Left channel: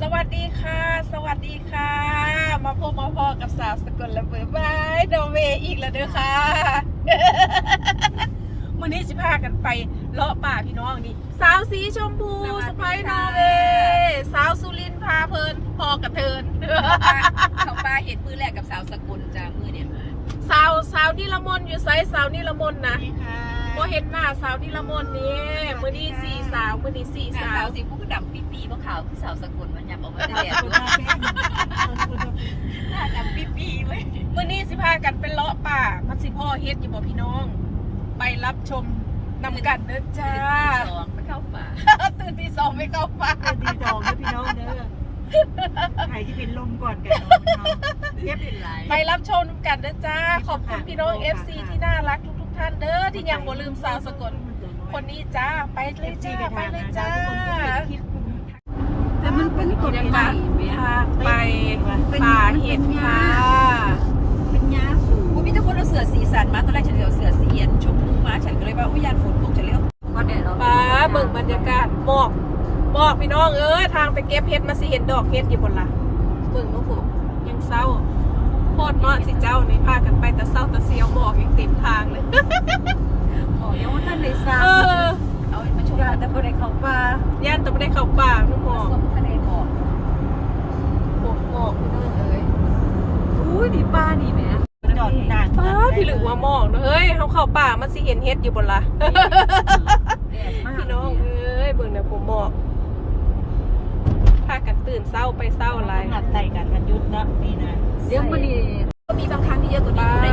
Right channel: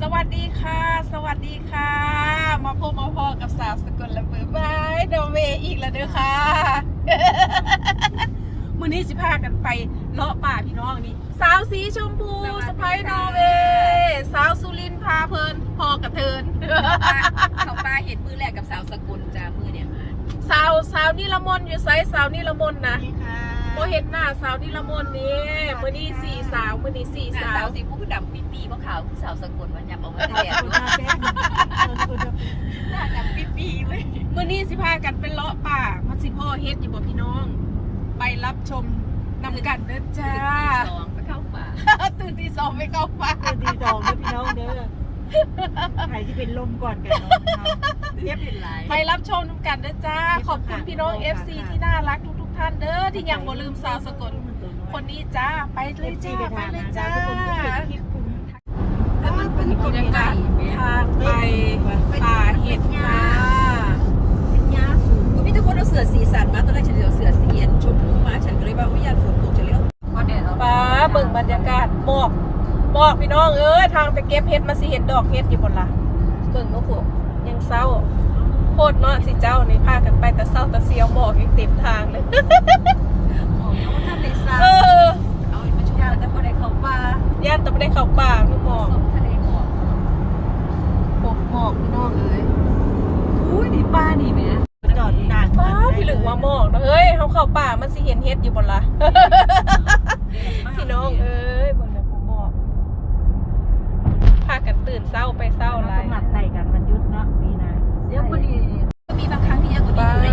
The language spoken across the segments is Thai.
สวัสดีค่ะ สวัสดีค่ะ มาพบมาพอกับสาวสกลละเบอร์บายโดเวอีกแล้วเด้อค่ะมื้อนี้สิพากันไปเลาะป่าพี่น้องนี่สาวสีชมพูสไปนอร์เวย์สาวสุรินทร์พาเพลินพอกระเทินเขาป้าเห็นมือแรกกับสาวสกุลจ้ามือเนี่ยสาวสาวนิลมนต์อยู่ไซสาวนิลมนต์นะพอเห็นหน้าสาวนิลมนต์นี่มื้อนี้สี่สาวมื้อนี้สี่หน้าสาสาววสีผู้ดำปีปีเพราะขาวคือสาวสกุล มันหยับออกมาแต่แดดหน้าดำปีปีเว้ยมื่อนี้สิพากันเป็นเลาะป่ามันสิพ่อเฮ็ดอยู่บ่พี่น้อง ไปรับชมนำกันเด้อจ้าสองไปเข้าป่าตื่นที่สองไม่เข้าป่าดีสองเด้อพี่น้องเด้อใครที่เป็นลมก่อนกันเนาะเรียบเป็นไรไปรับชมนำกันเด้อจ้า ขอบคุณพี่น้อง FC ที่น่ารักทุก ๆ ท่านเด้อที่ยังบ่ลืมสาวสกลคนนี้จ้าไปเลยจ้าไปเลยจ้า บรรยากาศทางไปป่าเห็ดค่ะเป็นยาสูงมีทุกคนเอาเสือสีสันมาตอนแรกฉันจะเอาเสือสีเย็นชมพูมาฉันก็เลยว่าวิญญาณฝนตกฉันเลยก็แดดป้าเบิ่งบรรยากาศหมอกหมอกพี่น้องเอ้ยทางไปเก็บเห็ดมาสิเห็นดอกเห็ดอยู่บนละเบิ่งนุ๊กยังเศร้าโคตรเนาะสิเจ้านี่พากันไปแต่เศร้าแต่เสียวหมอกยังเต็มทางเลยอ๋อยังว่าท่านเลยทราเอบอเอามาชมกันแต่ก็ได้เข้าป่าย่านแต่ไม่ได้เข้าป่านึกหมอกส้มทะเลหมอก ยดีป้าดีไหมจอดนานป้าพี่หลึกว่าหมอกเนาะเอ้ยเขาเข้าป่ามันสิเห็นเห็ดอยู่บนละพี่น้องเอ้ยเบิ่งนะผมหมอกพากันตื่นเศร้าไปเศร้าอะไรหักใส่กันมันยุดนะนี่นะเดี๋ยวมันดีก็มีบางครั้งที่เยอะกว่าป้านี้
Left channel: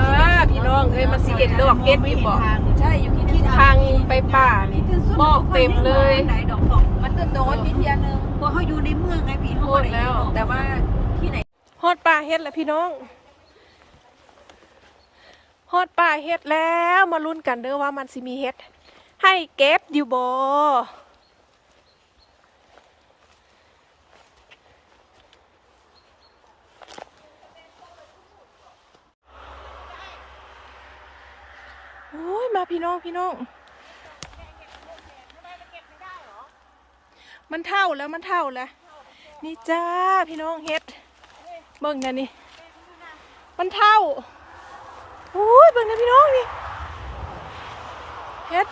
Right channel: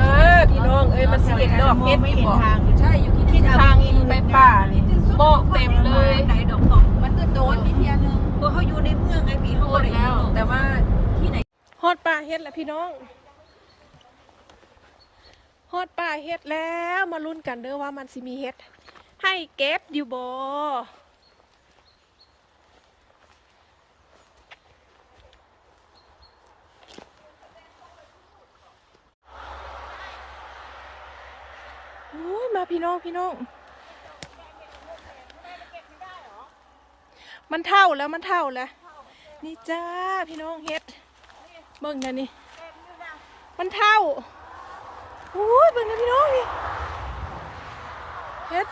พี่น้องเอ้ยมันสิเห็นดอกเห็ดอยู่บ่ทางใช่อยู่ที่ทางไปป่านี่หมอกเต็มเลยไหนดอกบอกมันโดนมีเทียนึงเพราะเขาอยู่ในเมืองไงพี่โคตรแล้ว แต่ว่าที่ไหน ฮอดป่าเฮ็ดแล้วพี่น้องฮอดป่าเฮ็ดแล้วมาลุ้นกันเด้อว่ามันสิมีเฮ็ด ให้เก็บอยู่บ่โอ้ยมาพี่น้องพี่น้อง มันเท่าแล้วมันเท่าแล้ว นี่จ้าพี่น้องเฮ็ด เบิ่งกันนี่ มันเท่าโอ้ยเบิ่งกันพี่น้องนี่เฮ็ด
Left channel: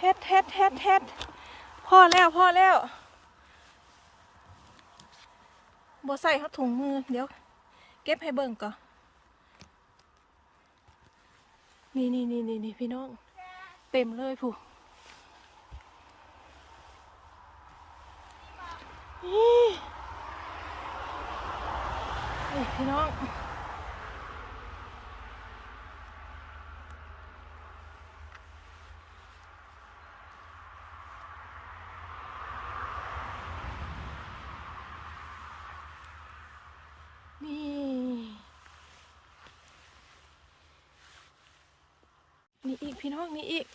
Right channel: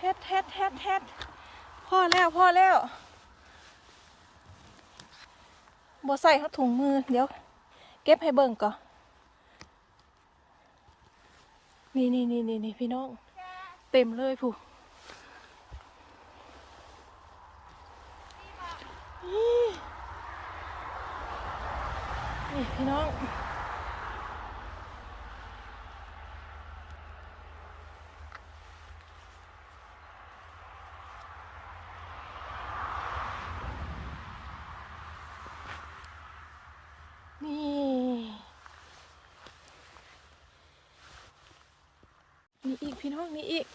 เฮ็ดเฮ็ดเฮ็ดเฮ็ดพอแล้วพ่อแล้วบ่ใส่ครับถุงมือ เดี๋ยว เก็บให้เบิ่งก่อนนี่นี่นี่นี่นี่พี่น้อง เต็มเลยผู้ นี่ นี่พี่น้องนี่นี่อีกพี่น้องนี่อีก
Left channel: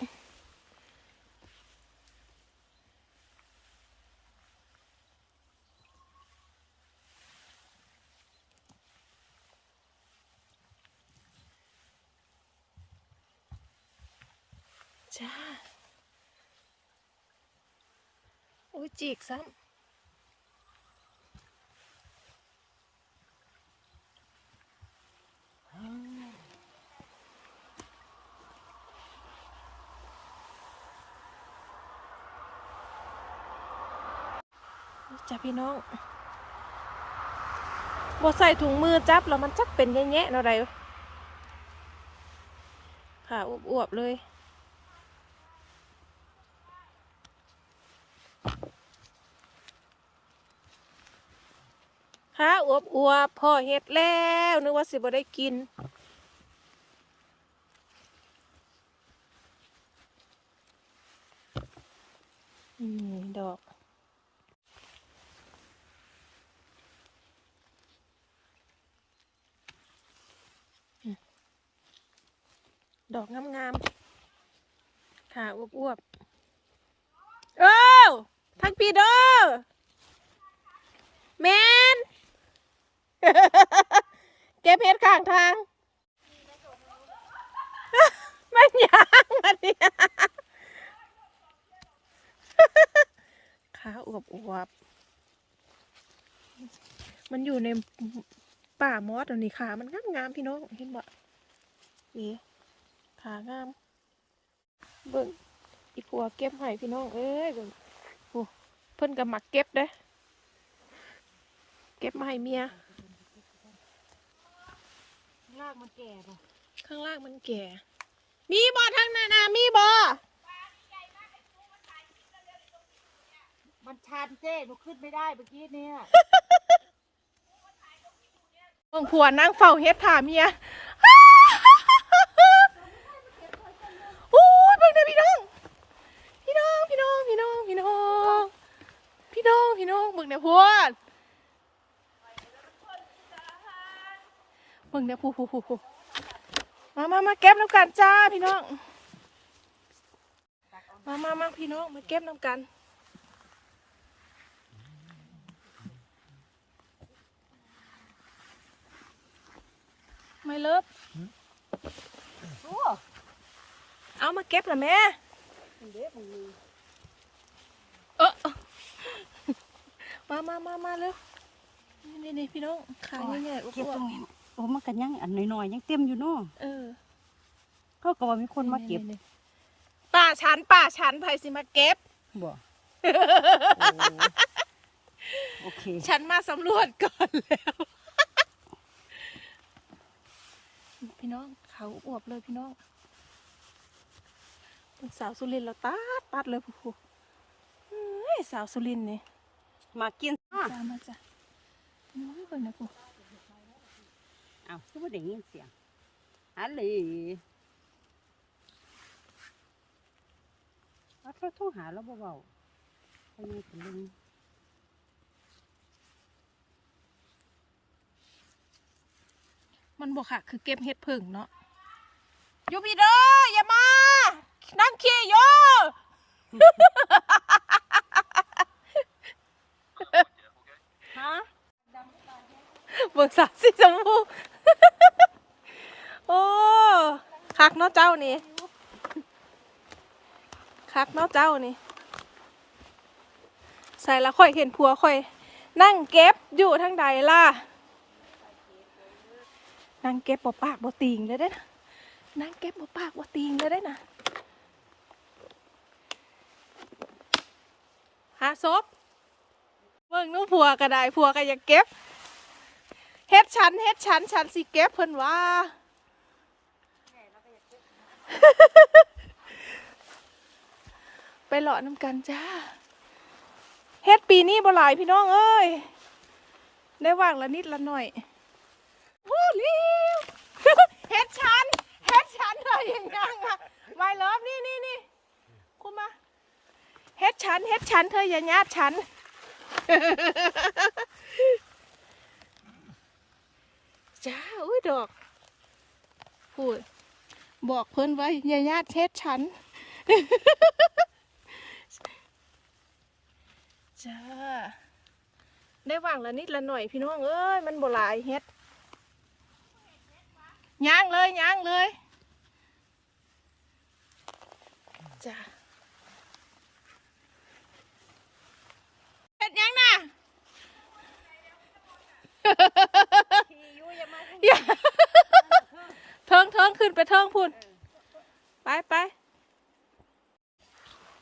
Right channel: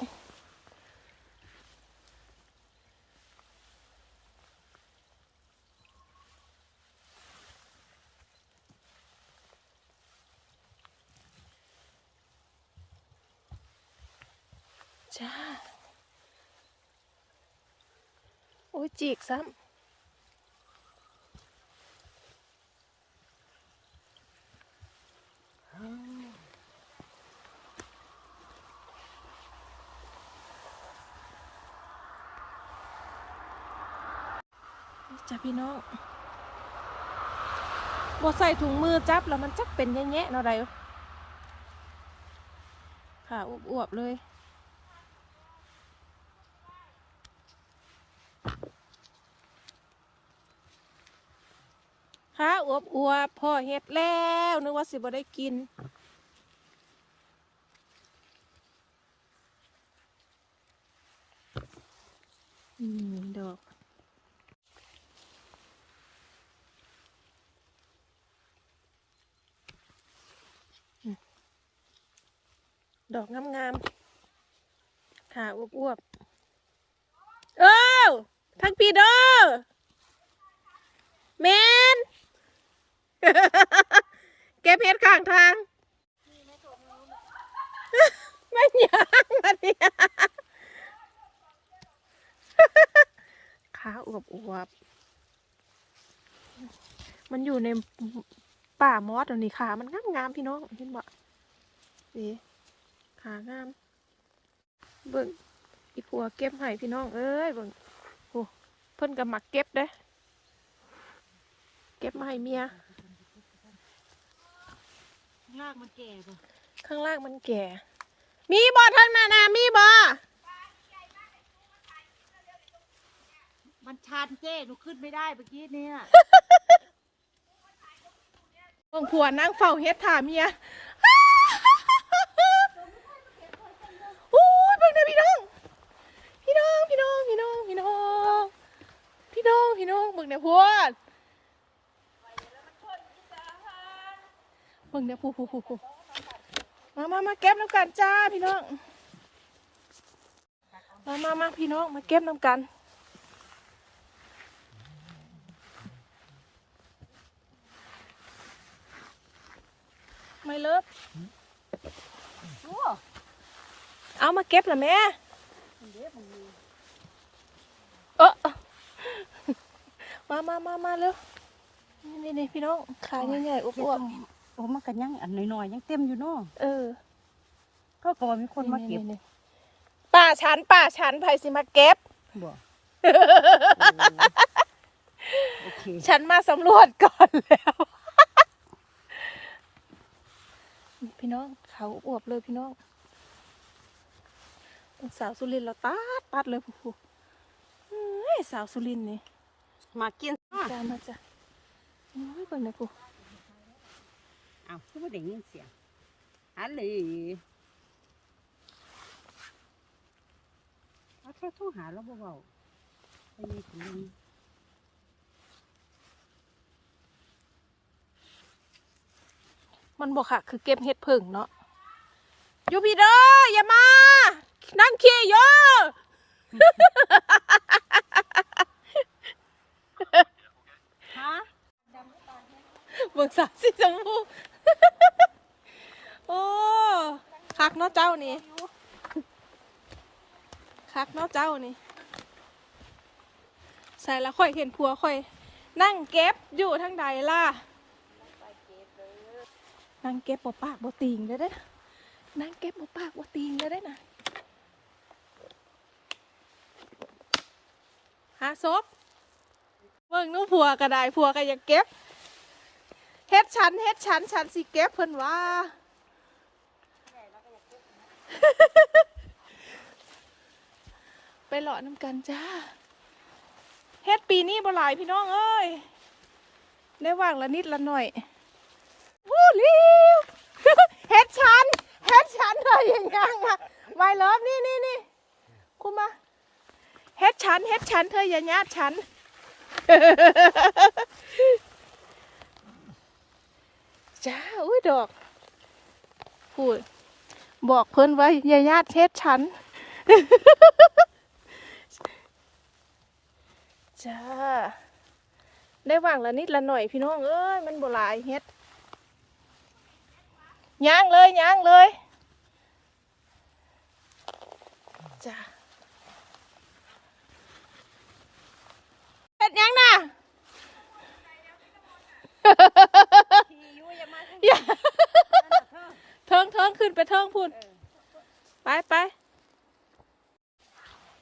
จ้า โอ้ยจีกซ้ำจ้าพี่น้องบ่ใส่ถุงมือจับแล้วมันจักเป็นแง่ๆเนาะใดค่ะอวบๆเลย อวบอวบพ่อเฮ็ดแล้วนึกว่าสิบ่ได้กินอืมดอกดอกงามๆค่ะอวบอวบๆ เอ้าทั้งปีเด้อแมน เก็บเห็ดข้างทาง มันยังมันเนี่ยขาอวบอวบมันอยู่ในป่ามอสอันนี้ขา มันงามงามพี่น้อง เห็นบ่นี่ขางาม เบิ่งอีผัวเก็บให้พี่น้อง เอ้ยเบิ่งโอ้เพิ่นก็มักเก็บเด้ เก็บมาให้เมีย ลากมันแก่ป่ะข้างล่างมันแก่ มีบ่ทางหน้านามีบ่มันชันเจ้หนูขึ้นไม่ได้เมื่อกี้เนี่ยเบิ่งผัวนั่งเฝ้าเฮ็ดถ่าเมีย โอ้ยเบิ่งนะพี่น้อง พี่น้อง พี่น้อง พี่น้อง พี่น้อง พี่น้อง พี่น้อง เบิ่งนะพวดเบิ่งนะผู้ผู้ผู้ผู้มามามาเก็บน้ำกันจ้าพี่น้อง มามามาพี่น้องมาเก็บน้ำกันไม่เลิฟเอามาเก็บเหรอแม่เออมามามามาเร็วนี่นี่พี่น้องขาใหญ่ๆอ้วบ โอ้มันก็ยังอันน้อยๆยังเต็มอยู่เนาะๆเออพ่อก็ว่ามีคนมาเก็บนี่ๆๆป่าชันป่าชันไผสิมาเก็บบ่โอเคฉันมาสำรวจก่อนแล้วนี่พี่น้องเขาอวบเลยพี่น้องเป็นสาวสุรินทร์เราตัดตัดเลยผู้ผู้เอ้ยสาวสุรินทร์นี่มากินจ้ามาจ้ะโอ้ยเบิ่งนะผู้ เอาคือว่าได้ยินเสียงฮัลโหลเอาโทรโทรหาแล้วเบาๆไปมีคนนึงมันบอกค่ะ คือเก็บเห็ดผึ่งเนาะอยูพี่เด้ออย่ามา นั่งขี่โย ฮะ เบิกสาวสีชมพู โอ้คักเานี่คักเนาะเจ้านี่ ใส่ล้วค่อยเห็นผัวค่อย นั่งเก็บอยู่ทางใดล่ะ นั่งเก็บบ่ปากบ่ติงเลยเด้นะนั่งเก็บบ่ปากบ่ติงเลยเด้นะหาศพเบิ่งนู้ผัวก็ได้ผัวก็อยากเก็บเฮ็ดฉันเฮ็ดฉันฉันสิเก็บเพิ่นว่า ไปหล่อน้ำกันจ้าเฮ็ดปีนี้บ่หลายพี่น้องเอ้ย ได้ว่างละนิดละหน่อยโอ้ลิวเฮ็ดฉันเฮ็ดฉันเลยอย่างงั้นอะไวเลิฟนี่นี่นี่คุณมาเฮ็ดฉันเฮ็ดฉันเธออย่าญาติฉันจ้าอุ้ยดอกพูด บอกเพิ่นไว้อย่าญาติเฮ็ดฉัน จ้า ได้ว่างละนิดละหน่อยพี่น้องเอ้ย มันบ่หลายเฮ็ดย่างเลยย่างเลยจ้าเฮ็ดยังนะอย่า ขึ้นไปเทิงพุ่น ไปไป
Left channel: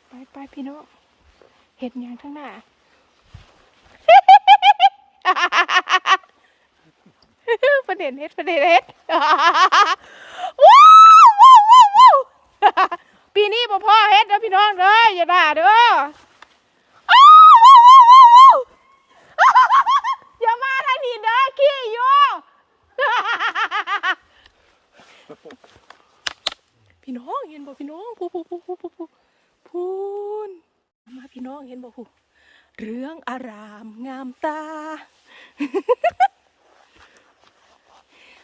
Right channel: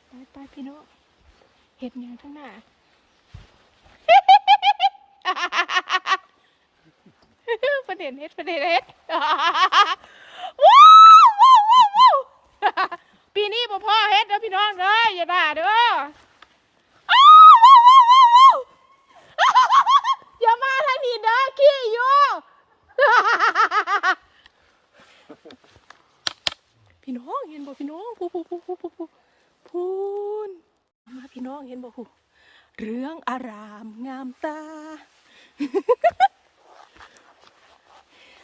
ไปไปพี่น้องเห็ดยังข้างหน้าประเด็นเฮ็ดประเด็นเฮ็ดว้าวว้าวว้าวปีนี้บ่พ่อเฮ็ดนะพี่น้องเด้ออย่าด่าเด้ออ้าวว้าวว้าวว้าวว้าวอย่ามาทางนี้เด้อขี้อยู่ พี่น้องเห็นบ่พี่น้องพูพูพูพูพูพูพูนมาพี่น้องเห็นบ่พูเรื่องอารามงามตา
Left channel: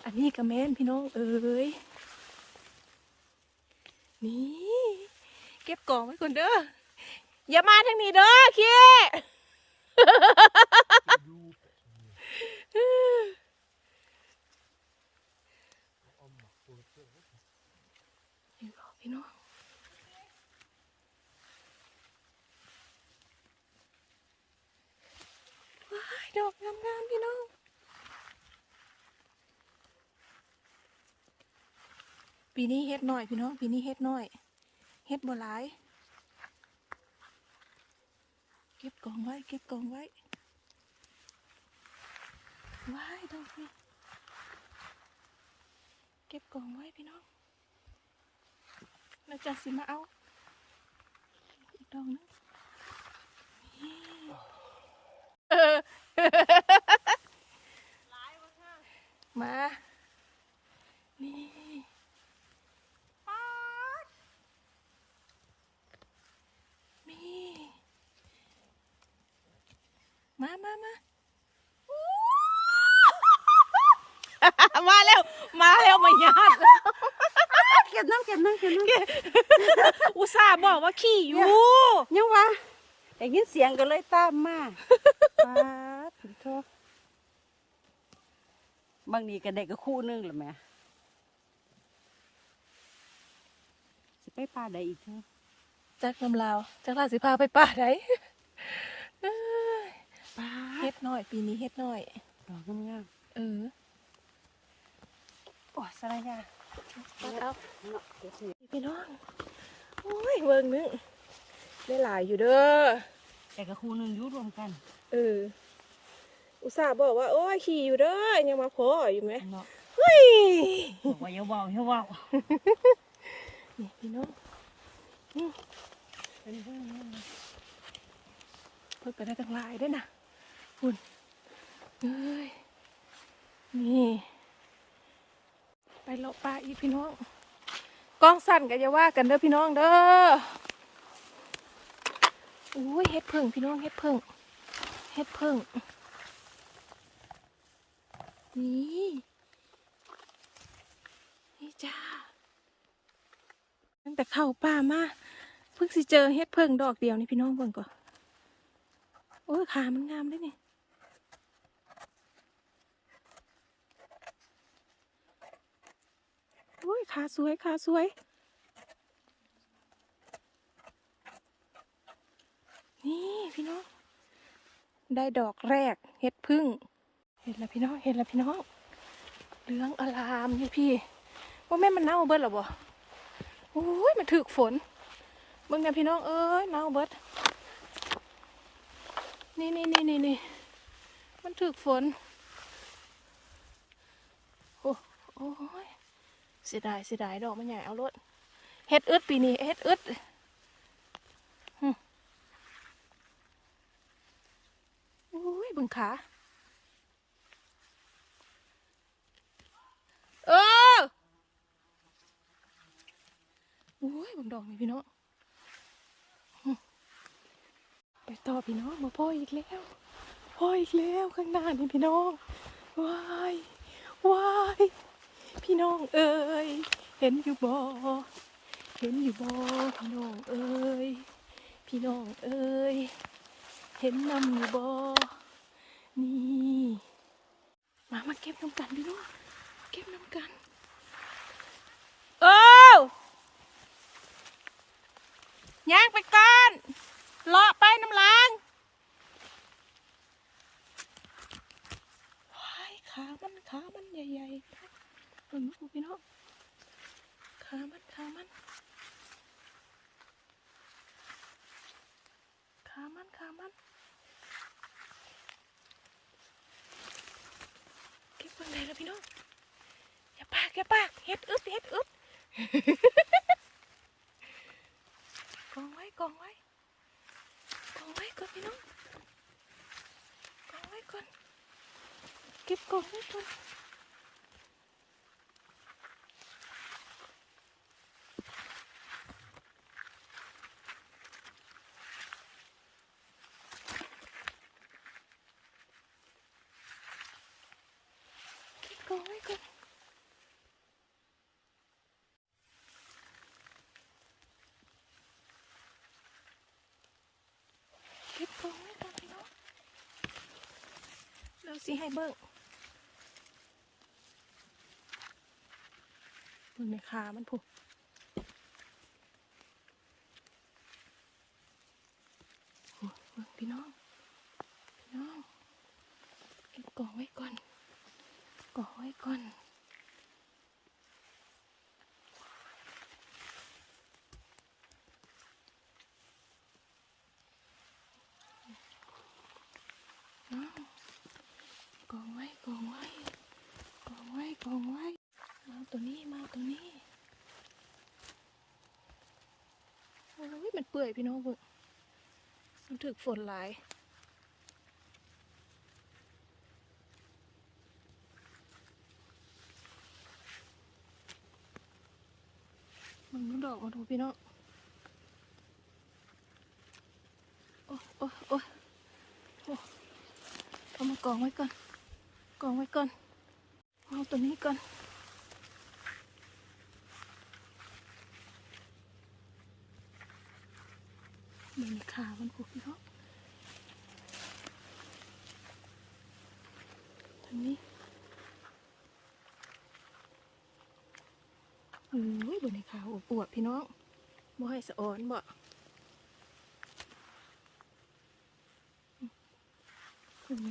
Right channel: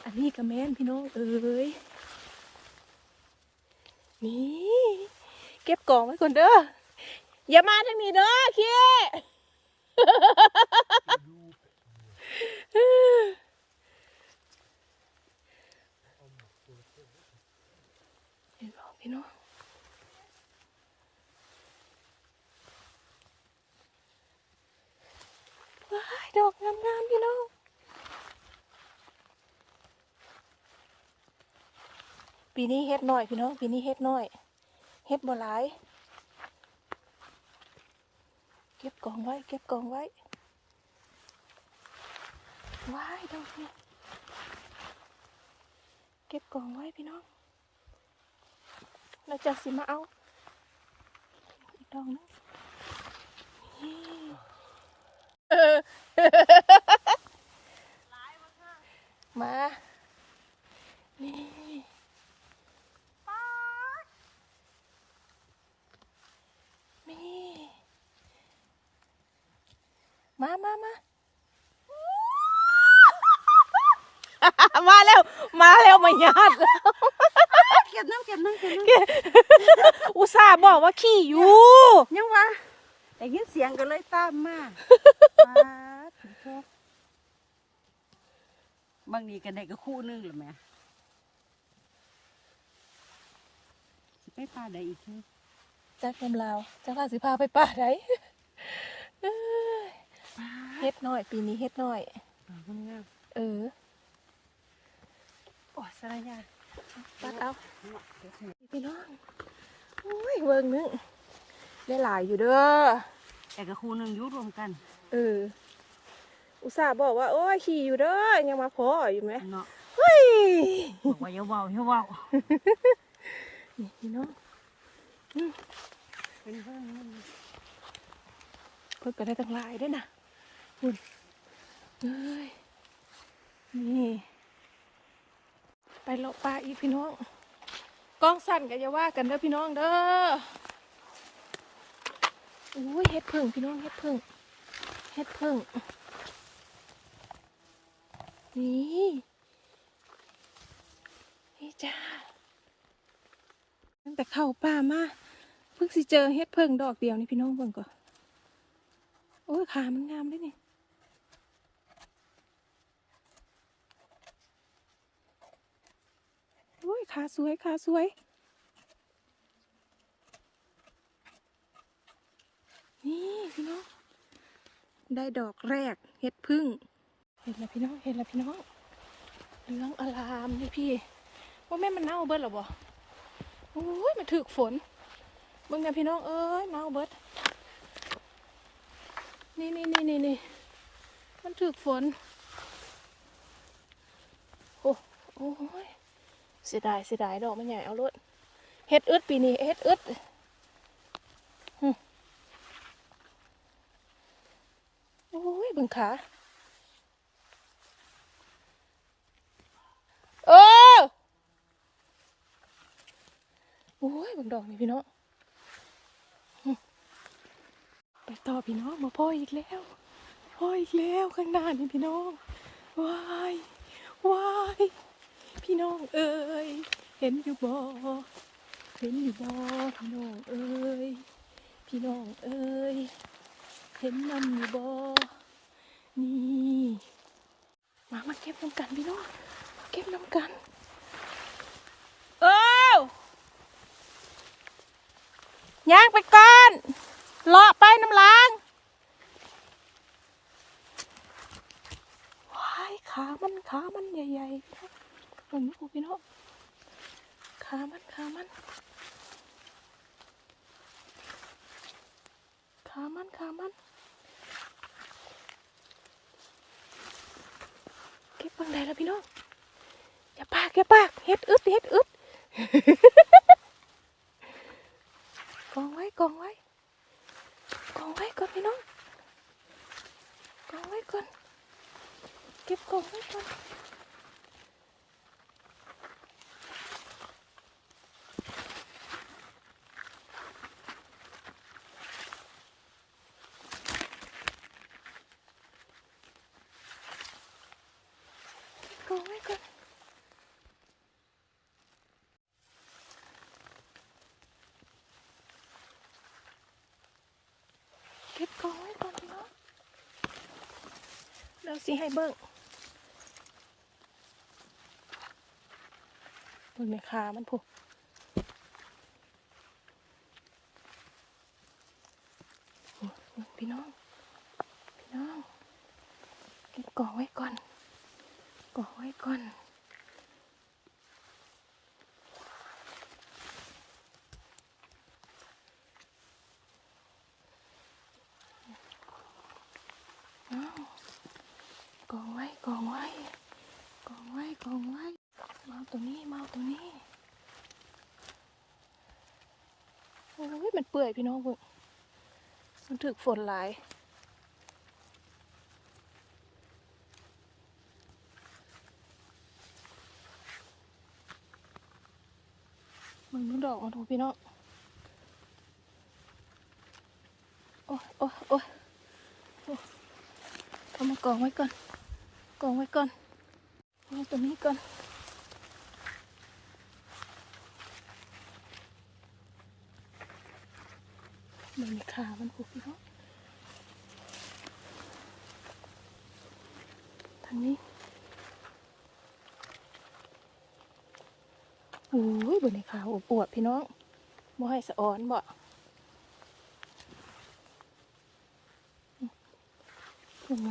อันนี้กระแมนพี่น้องเอ้ยนี่เก็บกล่องไว้ก่อนเด้ออย่ามาทางนี้เด้อขี้ เห็นบอกพี่น้องว้าย ดอกงามๆพี่น้องปีนี้เฮ็ดน้อยพี่น้องปีนี้เฮ็ดน้อยเฮ็ดบ่หลาย เก็บกองไว้ เก็บกองไว้ว้ายดอกนี่เก็บกองไว้พี่น้องเราจะสิมาเอา อีกดอกนึงนี่เออ มา นี่นี่มามามามาแล้ว มาแล้วมาญาติเก็บน้ำเก็บน้ำเก็บน้อุตส่าห์บอกว่าขี่อยู่ำยังวะได้ยินเสียงกันเลยตามมา บางนี้ก็ได้ก็คู่หนึงหรือแม่สิไปปลาใดอีกเนาะจักน้ำลาวจักลาสิพาไปป่าไดเอ้ยปลาเฮ็ดน้อย ปีนี้เฮ็ดน้อยดอกงามเออๆโอ้สารยาปัดเอาเนาะเดี๋ยวสิพี่น้องโอ้ยเวิงนึงได้หลายอยู่เด้อแต่ก็คู่หนึงอยู่รวมกันเออ อุตส่าห์บอกว่า โอ้ยขี่อยู่เด้อยังมาพออยู่ไหมเนาะเฮ้ยบอกว่าอย่าเว้าอย่าเว้านี่พี่น้องเป็นเพื่อนนี่เลยเพิ่นก็ได้ตั้งหลายด้วยนะคุณเอ้ยนี่ไปเลาะปลาอีกพี่น้องกล้องสั่นก็จะว่ากันเด้อพี่น้องเด้ออุ้ยเฮ็ดเพิ่งพี่น้องเฮ็ดเพิ่ง เฮ็ดเพิ่งนี่นี่จ้าตั้งแต่เข้าป่ามาเพิ่งสิเจอเฮ็ดเพิ่งดอกเดียวนี่พี่น้องเบิ่งก่อนโอ้ยขามันงามเลยนี่โอ้ยขาสวยขาสวย นี่พี่น้อง ได้ดอกแรกเห็ดพึ่ง เห็นแล้วพี่น้องเห็นแล้วพี่น้องเหลืองอลามนี่พี่ว่าแม่มันเน่าเบิดหรอบ่โอ้ยมันถึกฝนมึงเนี่ยพี่น้องเอ้ยเน่าเบิดนี่นี่นี่นี่นี่มันถึกฝนโอ้โอ้ยเสียดายเสียดายดอกมันใหญ่เอารถเฮ็ดอึดปีนี้เฮ็ดอึด โอ้ยเบึงขาเออโอ้ยบึงดอกนี่พี่น้องไปต่อพี่น้องมาพ่ออีกแล้วพ่ออีกแล้วข้างหน้านี่พี่น้องว้ายว้ายพี่น้องเอ้ยเห็นอยู่บ่เห็นอยู่บ่พี่น้องเอ้ยพี่น้องเอ้ยเห็นนำอยู่บ่ นี่มามาเก็บน้ำกันพี่น้องมาเก็บน้ำกันเออย่างไปก่อนเลาะไปน้ำล้างว้ายขามันขามันใหญ่ๆพี่น้องเบิ่งดูพี่น้องขามันขามันขามันขามัน เก็บฟังได้แล้วพี่น้องอย่าปากอย่าปากเฮ็ดอึดเฮ็ดอึดกองไว้กองไว้กองไว้ก่อนพี่น้องกองไว้ก่อนเก็บกองไว้ก่อน กองไว้ก่อนเก็บกองไว้ก่อนพี่น้อง เราสิให้เบิ้งเบิ่งในขามันผูกโอ้ยเบิ่งพี่น้อง พี่น้องก่อไว้ก่อนก่อไว้ก่อนเอากองไว้กองไว้กองไว้กองไว้มาเอาตัวนี้มาเอาตัวนี้โอ้ยมันเปื่อยพี่น้องเบิ่งมันถึกฝนหลายมึงนึกดอกมาดูพี่น้องโอ้โอ้ยโอ้ยโอ้ยเอามากองไว้ก่อน กองไว้ก่อนเอาตัวนี้ก่อน มันมีขามันผูกพี่น้องทางนี้โอ้ยบนในขาวปวดพี่น้องบ่ให้สะอ่อนบ่ยังไง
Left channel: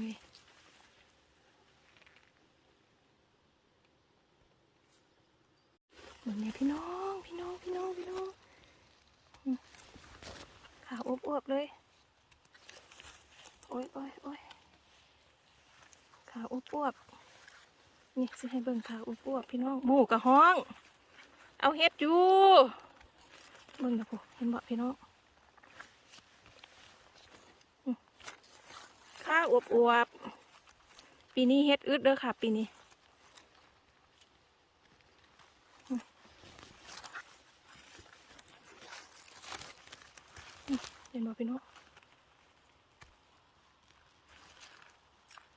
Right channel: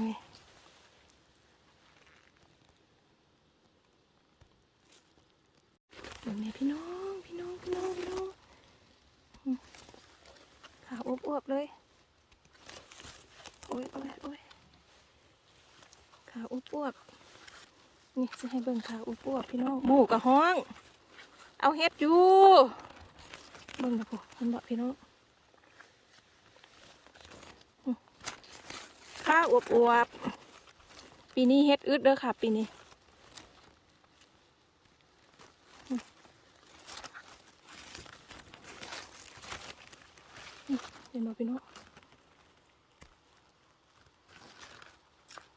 บนเนี้พี่น้อง พี่น้อง พี่น้อง พี่น้อง ขาวอวบๆเลย โอ้ยโอ้ยโอ้ยขาวอวบๆนี่จะให้เบิ่งขาวอวบๆพี่น้องหมูกระห้อง เอาเฮ็ดอยู่เบิ่งนะพูเห็นบ่พี่น้องข้าอวบอวบๆปีนี้เฮ็ดอึดเด้อค่ะ ปีนี้อืมนี่ เห็นบ่พี่น้อง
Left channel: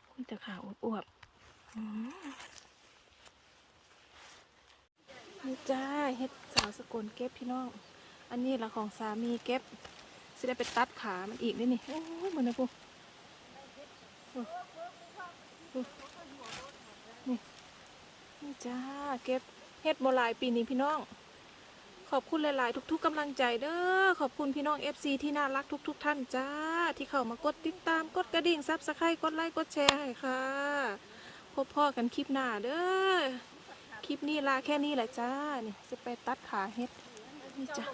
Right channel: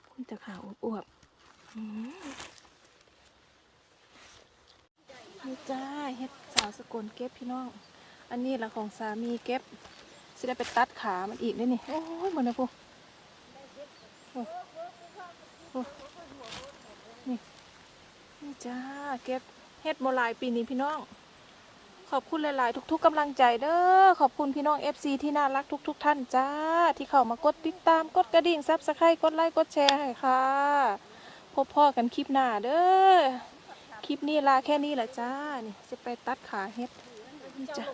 คุยแต่ขาวอวบอวบอืมนี่จ้าเฮ็ดสาวสกลเก็บพี่น้อง อันนี้ละของสามีเก็บสิได้ไปตัดขามันอีกด้วยนี่ โอ้ยเหมือนนะพวกนี่นี่จ้าเก็บเฮ็ดโมลายปีนี้พี่น้อง ขอบคุณหลาย ๆ ทุก ๆกำลังใจเด้อขอบคุณพี่น้อง FC ที่น่ารักทุก ๆ ท่านจ้า ที่เข้ามากดติดตามกดกระดิ่งซับสไครต์กดไลค์กดแชร์ให้ค่ะ พบพ่อกันคลิปหน้าเด้อคลิปนี้ลาแค่นี้แหละจ้านี่จะไปตัดขาเฮ็ดนี่จ้า